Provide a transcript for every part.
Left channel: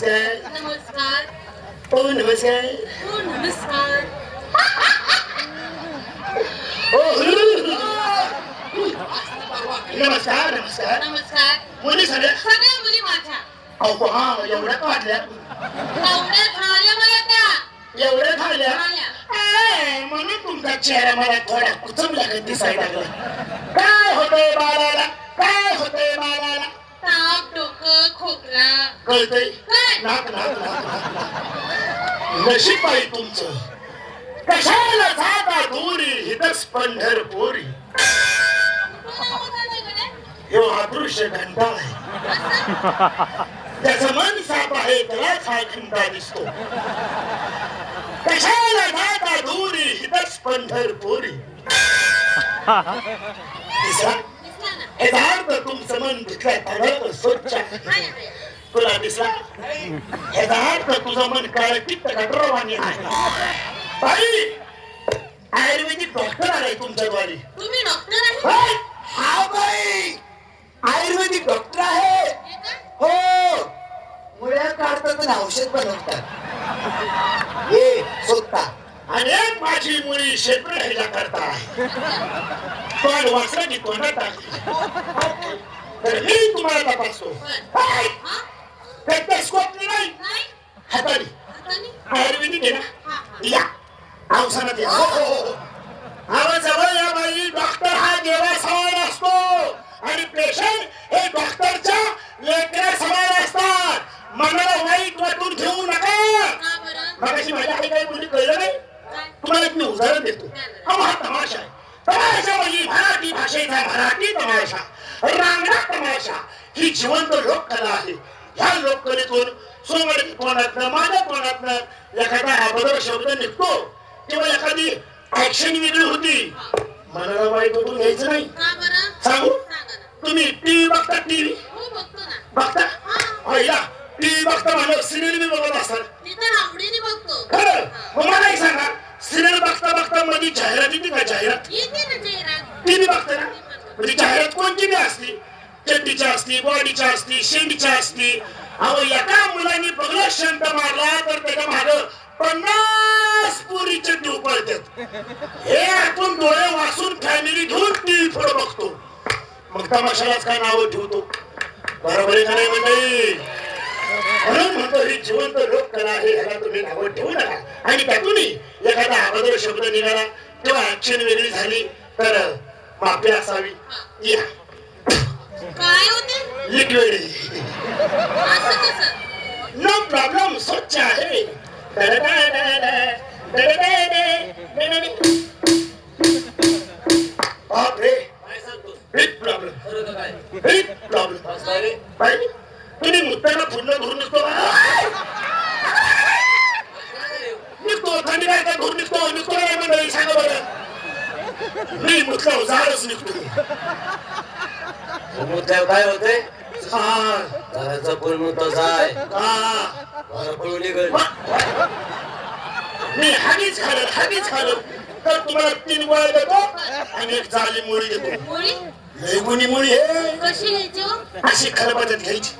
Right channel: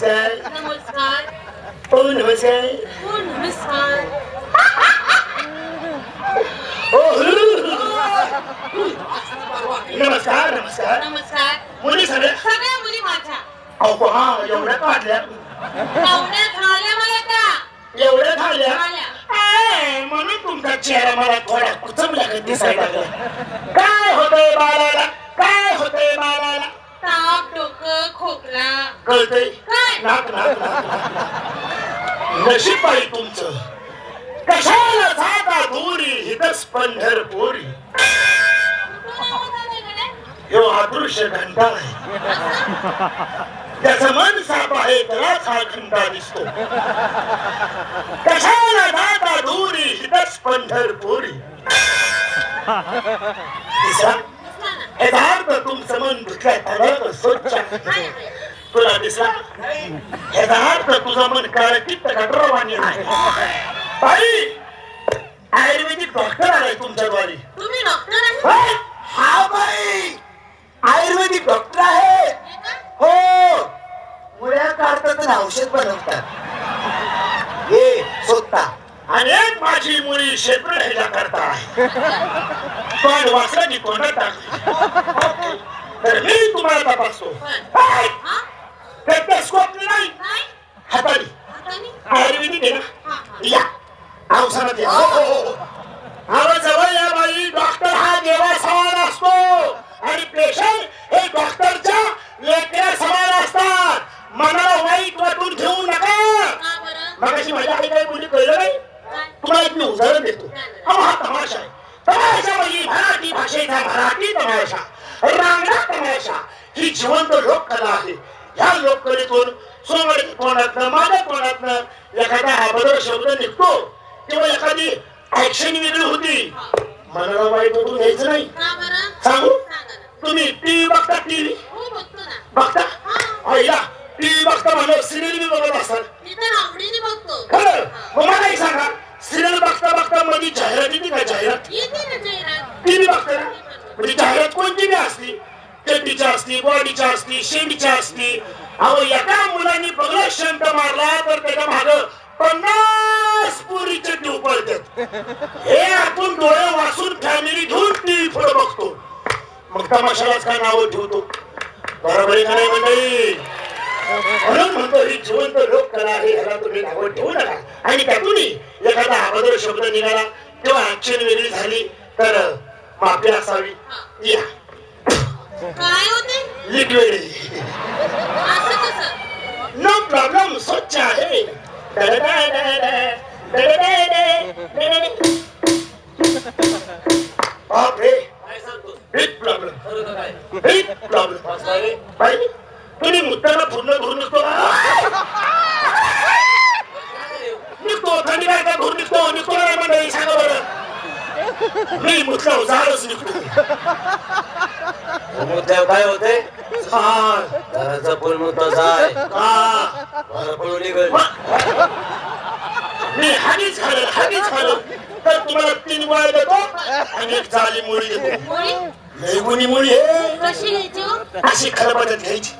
नमस्कार. नमस्कार. ओ नमस्कार. हो नमस्कार. ओ नमस्कार नमस्कार. नमस्कार. मुली सगळ्या सगळ्या मुली माझ्या. अहो हा एवढ्या काढल्या पाहुण्या खाल्या मला त्या. एवढ्या खाल्या? म्हणून तुमचा चेहरा मला थोडा कुचमला काही दिसायला लागला. काय होतंय बाळाला? काय होतंय बाळाला? ताप डोकं खोकला. कळतंय काय नाक नाक नाक नाक. नाक नशीब आहे तुमचं. कशाला जाता दुरी हितच पंढरपुरी ह्यो अदृश्य घंटा आहे. त्याचं मन साप आहे त्यालाच हा घंटा दिसतो. कशाला जाता दुरी हितच पंढरपुरी तिसरा यथार्थ तुमचं मन दुसऱ्या तळात स्वच्छ आहे. तुला दिसला यथार्थ तुझं मन काळ कित्त गटरवाणी आहे बाई आयुर्वेदिक डॉक्टर आलाय तुमच्याद्वारे तुम्ही डॉक्टर आहे? हा बाई आयुर्वेदिक डॉक्टर आहे हो मुळ्या काढतात आणि औषध बनवतात हे स्वतः अनेक माझी मुली क्षेत्र ह्याच्या करता पण तोंडात टाकली तर मी तुम्हाला तपासतो! हा स्टेथोस्कोप नाही? हाताने? आयुर्वेदिक आहे ना. या. औषधात या हो, हो, हो. आवाज जवळ या बाई डॉक्टर हा देवा समान असतो आणि पेशंट हे डॉक्टरच्या लेकऱ्या समान असतात मनाला वाईट वाटून घेऊ नका का बरं? मगाशी माझ्या आई काही बोलली कळलं नाही काय? तुम्हाला एक मी उदाहरण देतो. अहो हा तमाशा आहे. तमाशा म्हणजे मराठी भाषेचा मराठी तमाशा. रांगडा तमाशा. ही जिवंत लोककला आहे. ह्या लोककलेतून सोमवारी तोंडातनं माझ्या तोंडातनं एखादा अभद्र शब्द निघतो. किंवा एखादी ऍक्शन वेगळी होती. मनाला वाईट वाटून घ्यायचं नाही? सांगू. तुम्ही टीव्ही बघता टीव्ही हो बघतो पहिला टीव्ही बघता म्हणलं सिरियल बघत असतात. खरं? मध्ये जाहिरात येते का जाहिरात? येते जाहिरात. टीव्ही बघते ना. म्हणजे जाहिरात कोणती बी असती चड्डीच्या असती बॉडीच्या असती शेंडीच्या असती. अहो एका मुलांनी बघला शंट मारला तर त्याच्या माग पन्नास पुरीचे ट्यूब पडतात हे आपण डोळे वाचून फॅमिली घेऊन टीव्ही पुढे बघतो. मग तमाशालाच काय नाव ठेवतो? बरोबर आहे का नाही मंडळी? म्हणून म्हणतो ही जिवंत लोक कला आहे ह्याला तुम्ही नावं ठेवू नका. आणि त्यातूनही एखादा अभद्र शब्द निघाला किंवा ऍक्शन वेगळी झाली तर माफी असावी. या. नो प्रॉब्लेम स्वच्छ आहे बापरे बिग प्रॉब्लेम बिग प्रॉब्लेम तुम्ही मुद्दाला पूर्ण धरून नसतो. निघतो थंडी काय का धरून निघतो? निघतो ना मंडळी सांगा बरं मी निघतो. काय होते? जाय मी हागीच हागीच तर तुम्हाला तीन गोळ्या देतो आणि एक जाली मुळी देतो. लेगुनी मुळी हे. कशी? अशी खरबडत घ्यायची.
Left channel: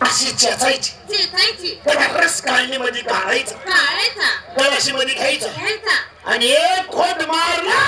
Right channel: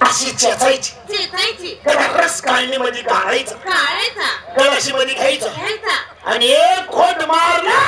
अशी चेचायची. चेचायची. रस घालायचा काढायचा. गळाशी मध्ये घ्यायचं. घ्यायचा. आणि एक खोट मारला.